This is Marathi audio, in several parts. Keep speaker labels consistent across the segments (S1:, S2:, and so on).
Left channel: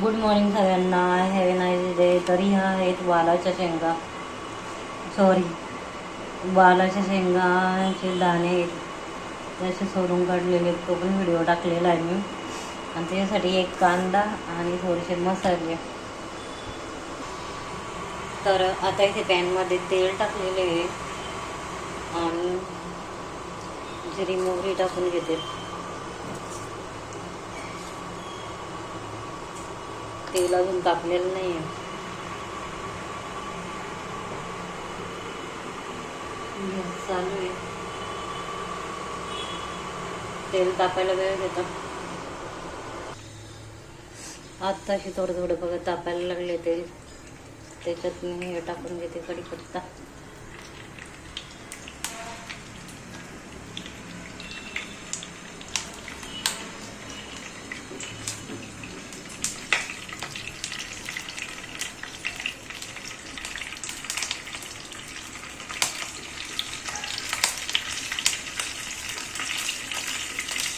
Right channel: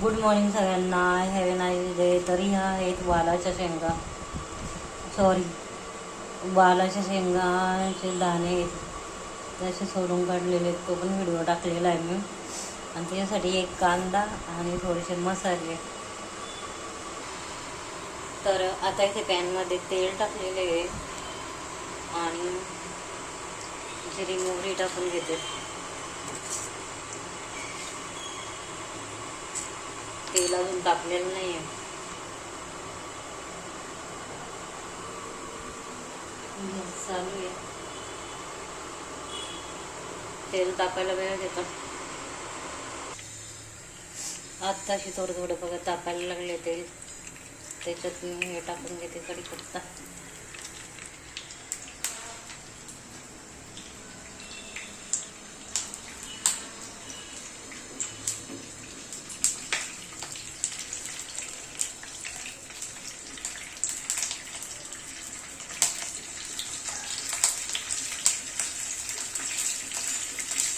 S1: गुड मॉर्निंग सगळ्यांना. हॅव नाईस डे तरी ह्या आहेत वालाच्या शेंगा. सॉरी वालाच्या शेंगाचे दाणे आहेत त्याचे असे काढलेले तो पण व्हिडिओ टाकलेला आहे मी. आणि त्याच्यासाठी एक कांदा आणि थोडेसे मसाले. तर आता इथे पॅनमध्ये तेल टाकलेले आहे. आणि जिरी मोहरी टाकून घेते तेल अजून तापलेलं नाही आहे चालू आहे. तेल तापायला वेळ घेतो आत्ताशी थोडं थोडं बघा तापायला लागले तेल. त्याच्यात मी हे टाकून घेते कढीपत्ता.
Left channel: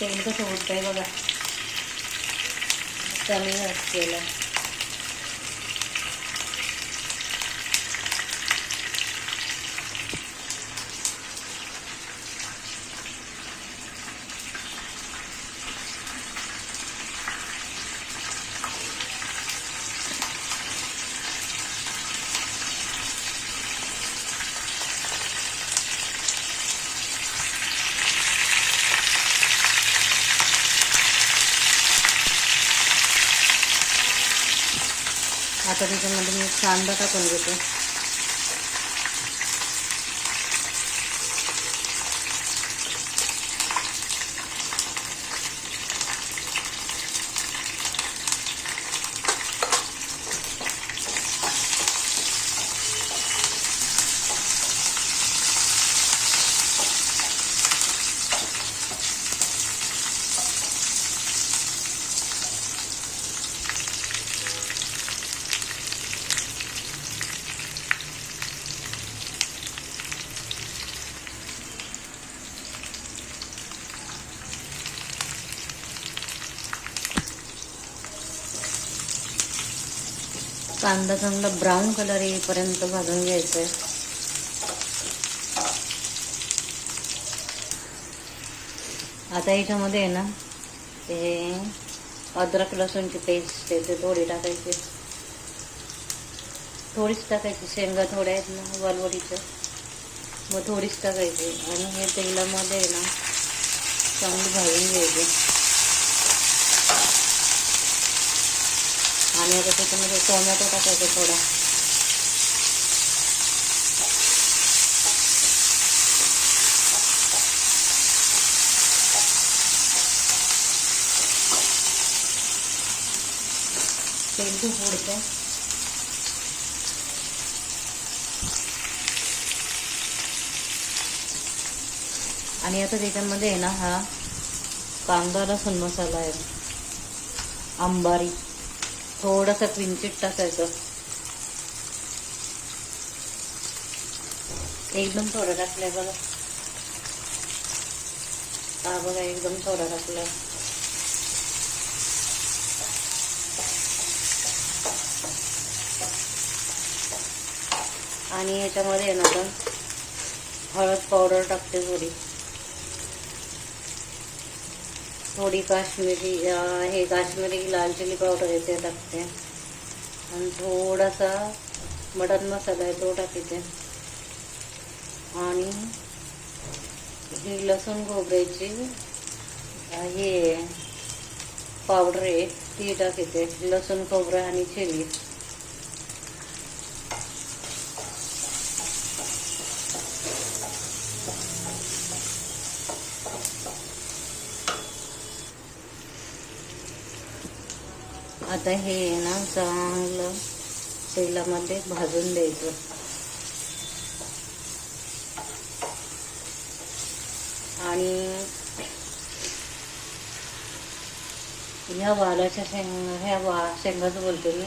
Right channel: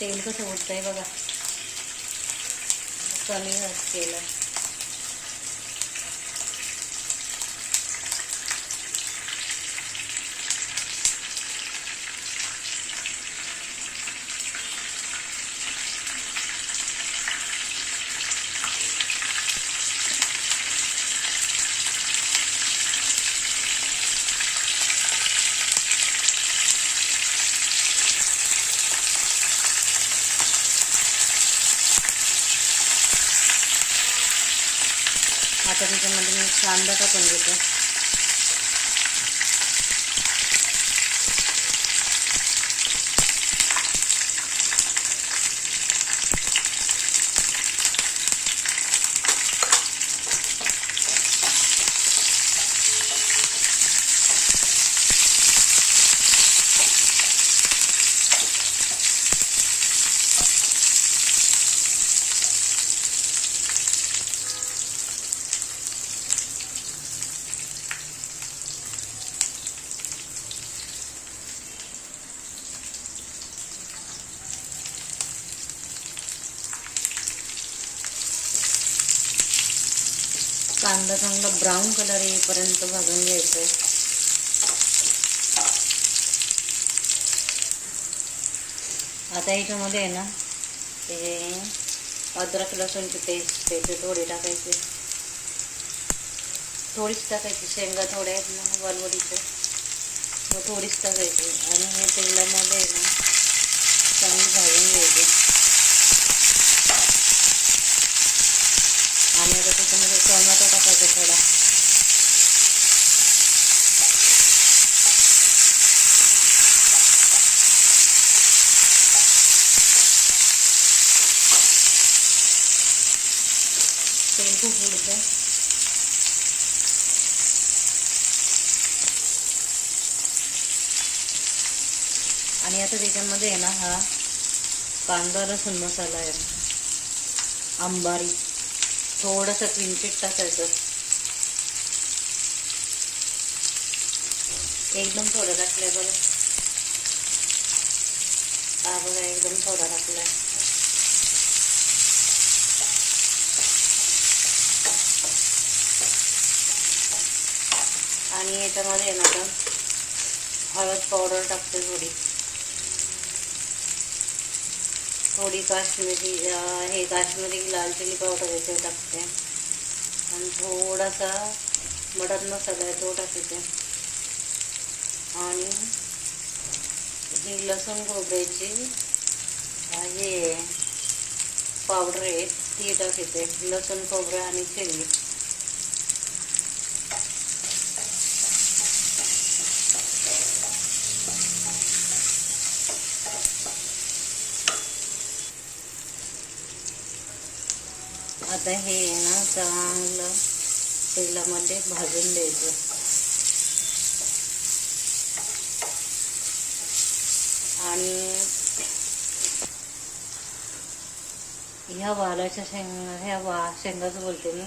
S1: तेल कसं होतंय बघा. कमी केलं आता त्याच्यामध्ये मी कांदा टाकून घेते. कांदा चांगला ब्राऊन कलर येईपर्यंत भाजून घ्यायचा आहे आता याच्यामध्ये आहे ना ते अद्रक लसूणची पेस्ट आहे ते थोडी टाकायची. थोडीच टाकायची शेंगा थोड्या आहेत ना वालवडीच्या. मग थोडीच टाकायची. आणि हे तेलामध्ये आहे ना चांगली भाजून घ्यायची आणि आता त्याच्यामध्ये टोमॅटो टाकायचा थोडा. तेल खूप उडतं आणि आता त्याच्यामध्ये आहे ना हा कांदा लसूण मसाला आहे. अंबारी थोडंसं किंचित टाकायचं. एकदम थोडं टाकलंय बघा. हा बघा एकदम थोडा टाकलाय आणि याच्यामध्ये ना आता हळद पावडर टाकते थोडी. थोडी काश्मीरी हे काश्मीरी लाल चिली पावडर आहे ते टाकते. आणि थोडासा मटन मसाला आहे तो टाकते. आणि ही लसूण खोबऱ्याची हे पावडर आहे ती टाकते. लसूण खोबरं आणि चिली. आता हे ना चांगलं तेलामध्ये भाजून द्यायचं. आणि ह्या वालाच्या शेंग ह्या वा शेंगाचं बोलते मी.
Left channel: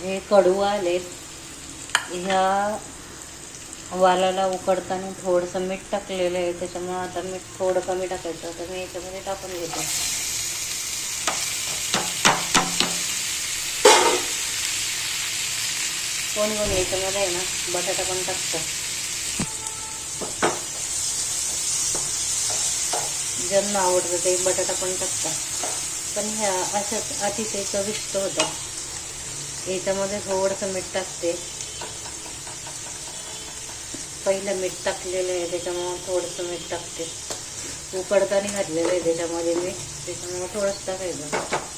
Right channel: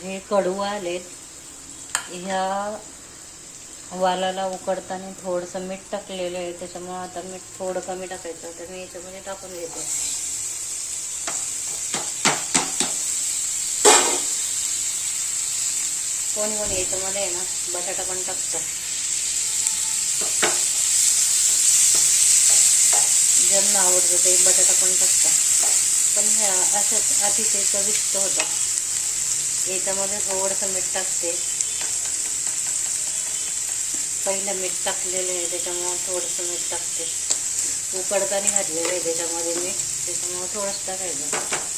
S1: हे कडू आलेत. ह्या वालाला उकडताना थोडंसं मीठ टाकलेलं आहे त्याच्यामुळे आता मीठ थोडं कमी टाकायचं तर मी याच्यामध्ये टाकून घेतो. कोणी कोणी याच्यामध्ये आहे ना बटाटा पण टाकतं. ज्यांना आवडतं ते बटाटा पण टाकतात. पण ह्या अशाच अतिशय चविष्ट होतं. याच्यामध्ये थोडंसं मीठ टाकते. पहिलं मीठ टाकलेलं आहे त्याच्यामुळं थोडंसं मीठ टाकते. उकडताना घातलेलं आहे त्याच्यामध्ये मीठ त्याच्यामुळं थोडंसं टाकायचं.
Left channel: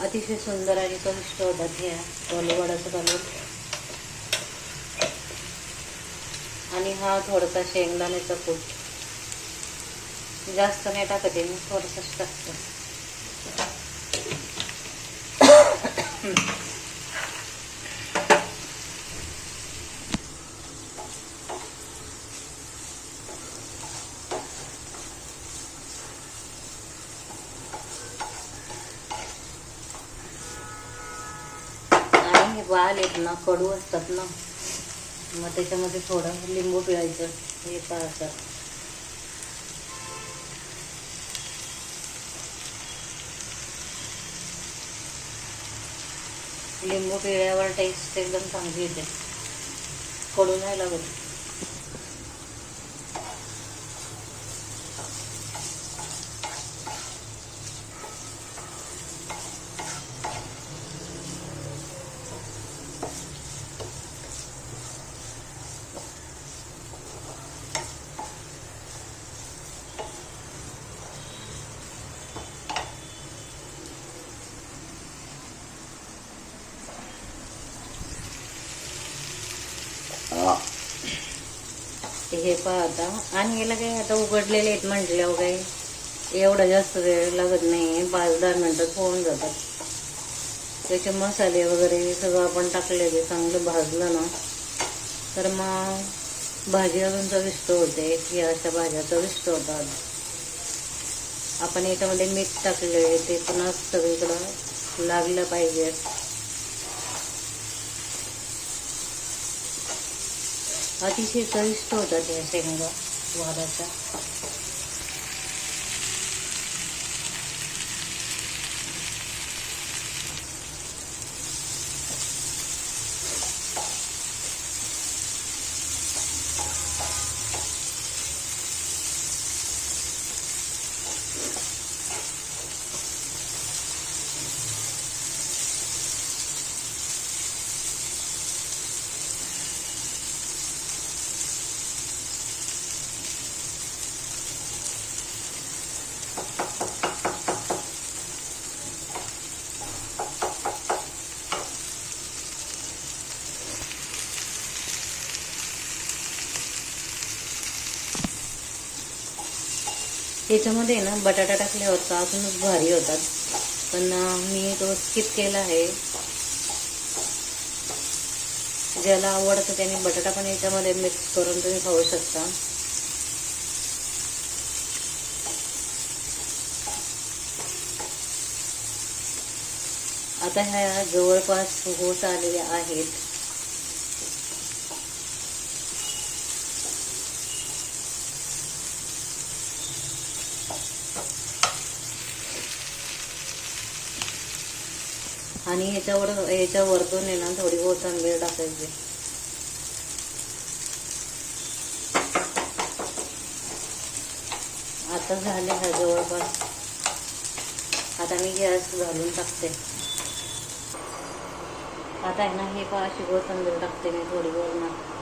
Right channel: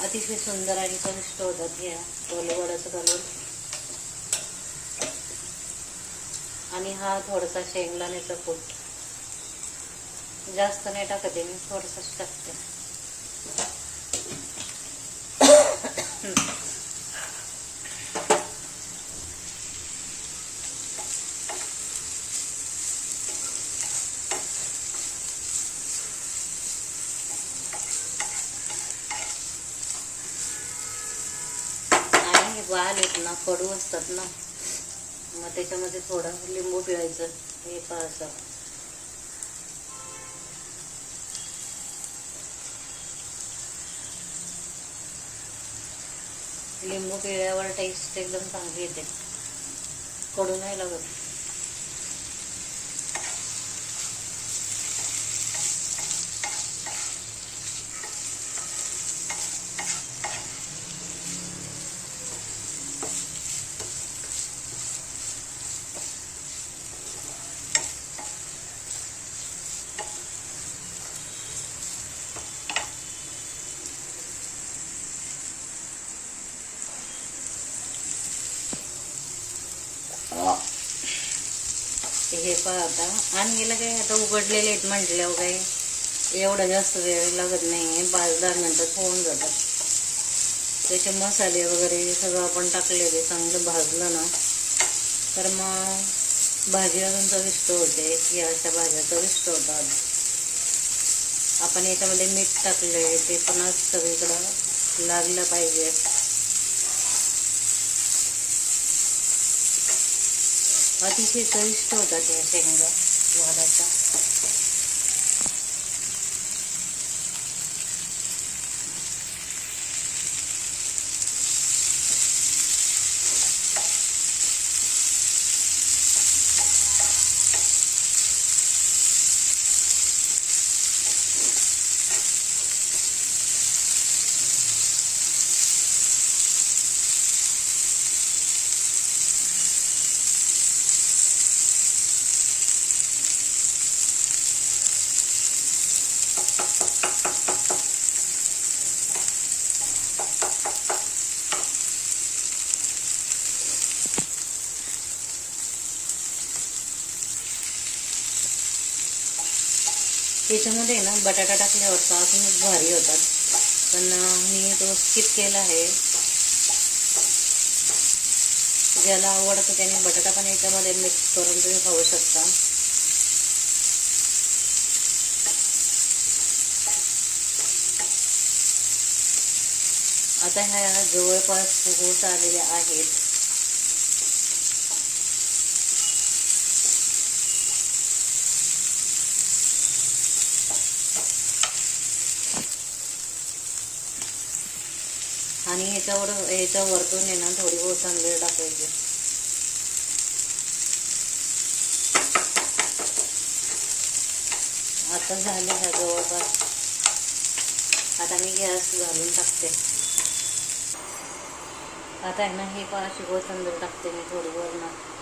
S1: अतिशय सुंदर आणि चविष्ट होतात ह्या वडाचं घालून. आणि हा थोडासा शेंगदाण्याचा कूट. जास्त नाही टाकत मी थोडंसंच टाकते. आणि आहेत ना कडू असतात ना मग त्याच्यामध्ये थोडं लिंबू पिळायचं हे पाहायचं लिंबू पिळल्यावर टेस्ट एकदम चांगली येते. कडू नाही लागत. ते हे पहा आता आणि याला काय आता उघडलेले आहेत म्हटल्यावर काय? एवढा जास्त वेळ लागत नाही पाच दहा मिनटात होऊन जातात. त्याचे मसाले वगैरे सगळं आपण टाकलेले चांगलं भाजलं ना तर मग भाजी अजून चविष्ट होते. या अशा भाज्या चविष्ट होतात. आपण याच्यामध्ये मीठ टाकले ते पुन्हा सगळीकडं लागलं पाहिजे. अतिशय चविष्ट होतात या शेंगा वालाच्या याच्यामध्ये ना बटाटा टाकल्यावर अजूनच भारी होतात पण मी तो स्किप केला आहे. ज्याला आवडतं त्याने बटाटा पण याच्यामध्ये मिक्स करून तुम्ही खाऊ शकता. आता ह्या जवळपास होत आलेल्या आहेत. आणि याच्यावर याच्या वरतून आहे ना थोडी कोथंबीर टाकायची. आता झाले ह्या जवळपास. आता मी गॅस घालून टाकते. आता आहे ना हे पाशी कोथंबीर टाकते मी थोडी वरणात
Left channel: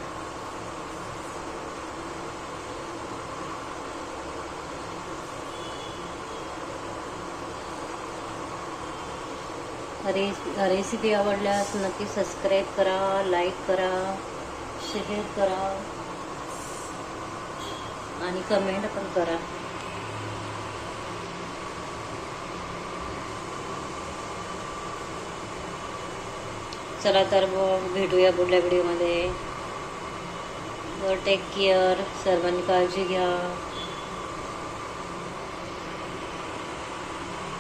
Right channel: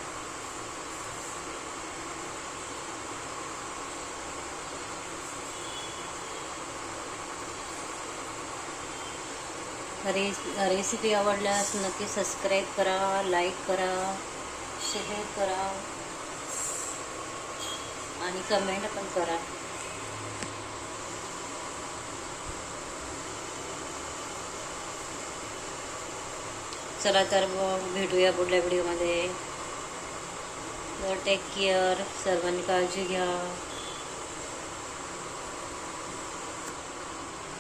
S1: रे रेसिपी आवडल्यास नक्की सबस्क्राईब करा लाईक करा शेअर करा आणि कमेंट पण करा. चला तर भेटूया पुढल्या व्हिडिओमध्ये तर टेक केअर सर्वांनी काळजी घ्या.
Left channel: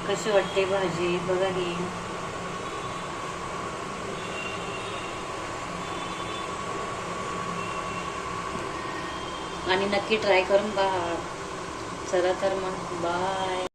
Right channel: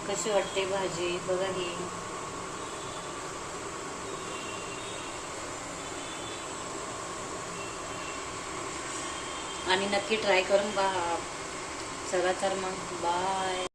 S1: कशी वाटते भाजी? बघा ही आणि नक्की ट्राय करून बा चला तर मग बाय